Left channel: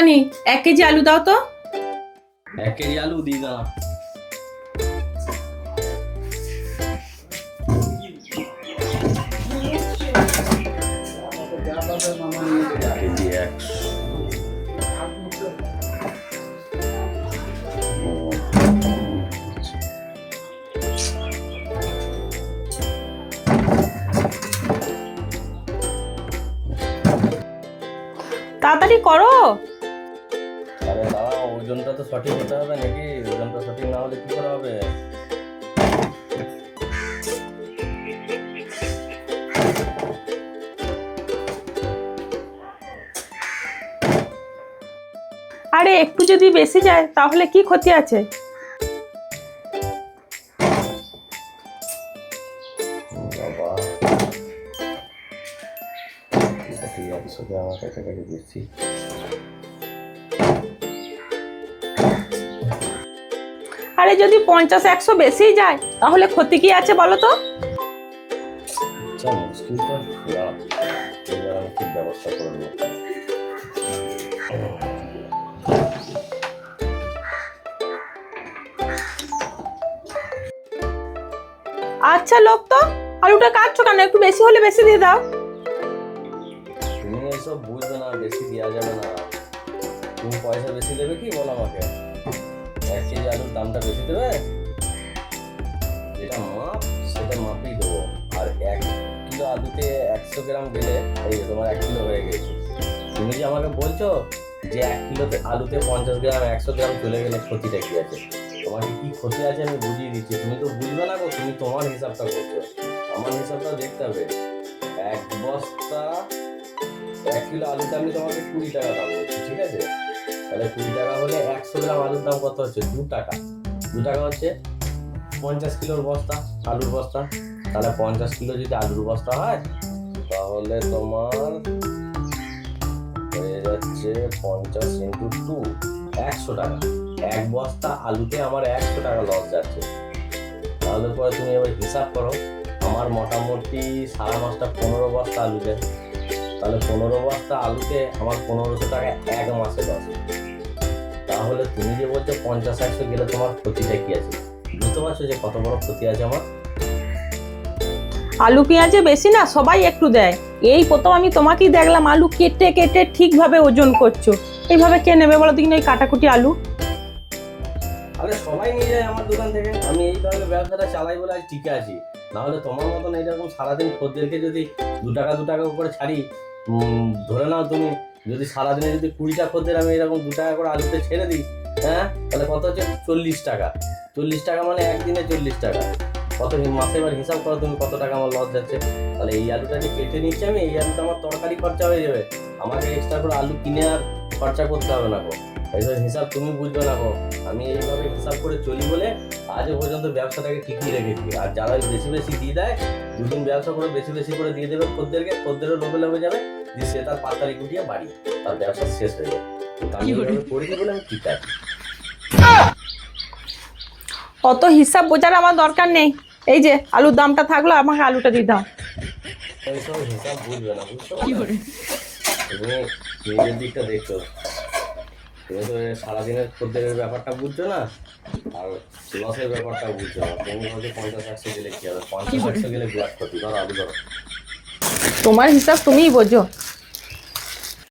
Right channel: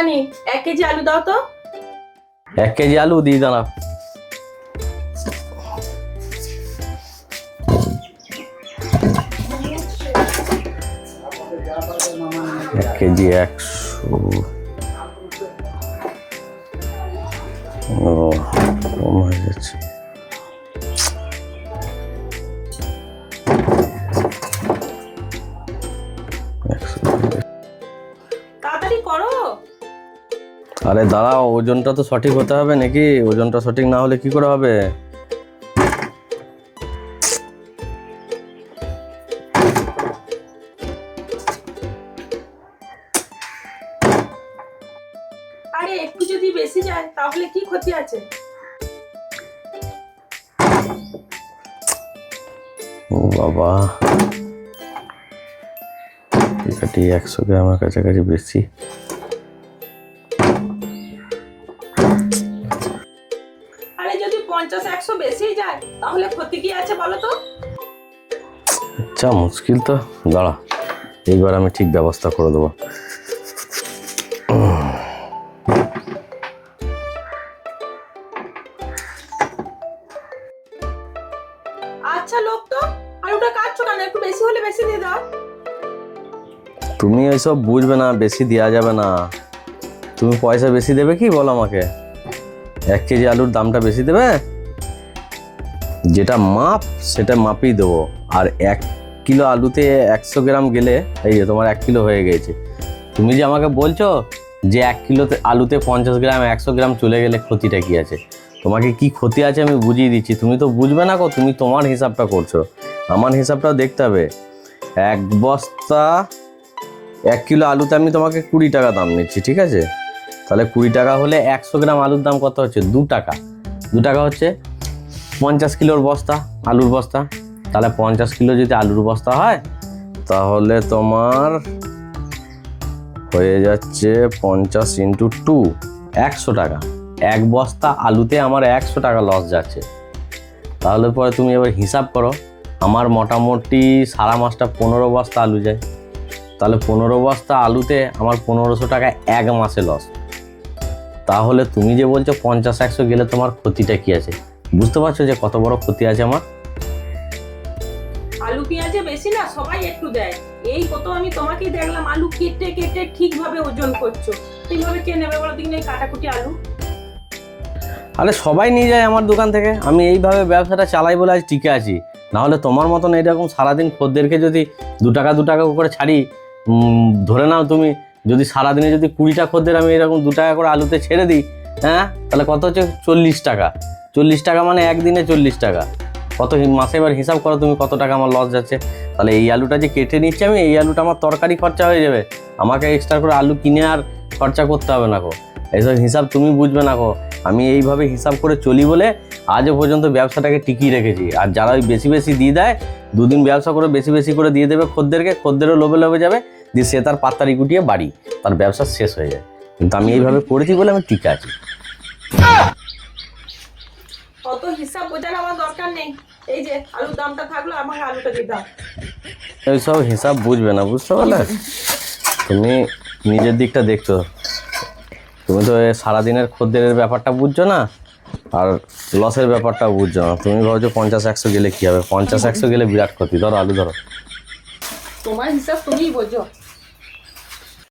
দোকানি 1 কেজি আলু দাও তো। 1 কেজি আলু দিয়ে দাঁড়া। কেজি 100। কম হয়ে যাচ্ছে। তাড়াতাড়ি করো। আরে দাঁড়াও, ওজনটা তো সঠিক হতে হবে নাকি? ওজনটা সঠিক না হলে কি করে হবে? আরে একটু যদি বেশি যায় তাহলে কি ক্ষতি আছে? ও বাবা, এটাটি 100 গ্রামের কাছাকাছি বেশি। আরে যদি 50-100 বেশি যায় তাহলে ক্ষতি কি আছে বলো তো? আচ্ছা, মুশকিল তো। দাঁড়া, এইবার আমি ঠিক ব্যবস্থা করে দেবো। আচ্ছা লোক তো, আলুটা কাটছো কেন? একটু বেশি হলে বেশি দিয়ে দাও। তুমি এইসব বুঝবে না, বেশি দেওয়া যাবে না। তুমি পয়সা বেশি দেবে কি বলো আমাকে? 1 কেজি আলুর দামটা বেশি দেবে? যেটা মাপ সেটা মাপই দেবো। আর 1 কিলো আলুতে 100 গ্রাম গেলে এই যে তোমার 1 কিলো হয়ে গেছে। তুমি যে আমাকে বলছো যে 1 কিলোতে আলুতে 50 গ্রাম 100 গ্রাম চলে গেলে ক্ষতিটা কি আছে? তোমাকে কি ক্ষতি আছে আমি বুঝিয়ে দিচ্ছি। তুমি তো বুঝবে না গো, তুমি তোমার হিসাবটা করছো, আমার হিসাবটাও দেখতে হবে। 1 বস্তা 1 কিলো আলুতে আমি তোমাকে 20 টাকা দাম নিচ্ছি, ঠিক আছে? তাহলে 20 টাকা হলে 100 গ্রাম আলুর দাম কত হচ্ছে? 2 টাকা। 2 টাকা হচ্ছে 50 কিলোর বস্তা, আলুর বস্তা। তাহলে 50 কিলো যদি আলুর বস্তা হয় তাহলে তোমার হয়ে যাচ্ছে 50 × 2, 100 টাকা। 1 বস্তা আলুতে আমার 100 টাকা লস যাচ্ছে। তাহলে পরে তুমি এবার হিসাব করো, আমার মোটামুটি সারা মাসটা 15 বস্তা আলু যায়। তাহলে 15 বস্তা আলুতে আমার 1500 টাকা 1 মাসে লস। তাহলে তুমি যে বলছো 50-100 গেলে তোমার ক্ষতিটা কি আছে? বুঝতে পারছো যে কত বড় ক্ষতি আছে আমার? আলু পেঁয়াজে বেশি না, সবাই একটু দেয়। এই প্রথম আমি তোমাকেই দেখলাম আলু কেটে কেটে ঠিকভাবে ওজন করছো। এইভাবে কে নেবে বলো দিন এই কাটাকুটি আলু? আরে সবাই নিয়ে যায় আমার দোকান থেকে, আমি এইভাবে ব্যবসাটা চালাই বলে আজ টিকে আছি। নাহলে তোমার মতন এইরকম সারাদিন খদ্দেরকে যদি 2 টাকা 2 টাকা করে ছাড়ি, ধরে নাও তুমি যদি সারাদিনে যদি 20টা খদ্দের আমি এরকম 2 টাকা করে আলুতে ছেড়ে দিই, হ্যাঁ, তাহলে কত হচ্ছে? 40 টাকা। 40 টাকা মানে একদিনে 40 টাকা। কত মাসে এবার হিসাব করো তুমি কত টাকা আমার লস যাচ্ছে। তাহলে এই আলুটা যে কেটে নিচ্ছি আমি, এই আলুটা আমার তরকারি খরচা হয়ে যাবে। আমাকে এক্সট্রা করে আলু কিনে আর খরচা করতে হবে না গো। এইসব হিসাব তুমি বুঝবে না গো। আমি এইভাবে হিসাব করে চলি বলে আজও পর্যন্ত ব্যবসাটাকে টিকিয়ে রেখেছি। আর যারা ওই বেশি বেশি দিয়ে দেয়, 2 দিন ব্যবসা করে বেশি বেশি করে দিয়ে দেবে খদ্দেরকে, খদ্দেরও লোভে লোভে যাবে, দিয়ে সে তার পাত্তারি গুটিয়ে বাড়ি, তার ব্যবসা শেষ হয়ে যায়। কিন্তু আমি এইভাবে করেছি বলে আমি টিকে আছি। অত হিসাব বোঝার আমার দরকার নেই। এই যে আলুর দামটা থাকলো, আমাকে আলুটা দিয়ে দাও। এইসব হিসাব বুঝবে না, বুঝতে পারলে? তুমি নিজের দিকটা দেখছো, তুমি তো সারাদিনের খদ্দেরের ব্যাপারটা বুঝছো না, আর লসের ব্যাপারটা বুঝছো না। তুমি ভাবছো 50-100 গেলে কি হবে? 50-100 গেলে বিরাট ক্ষতি। ধরো আলু ধরো। তোমার হিসাব তুমিই বোঝো।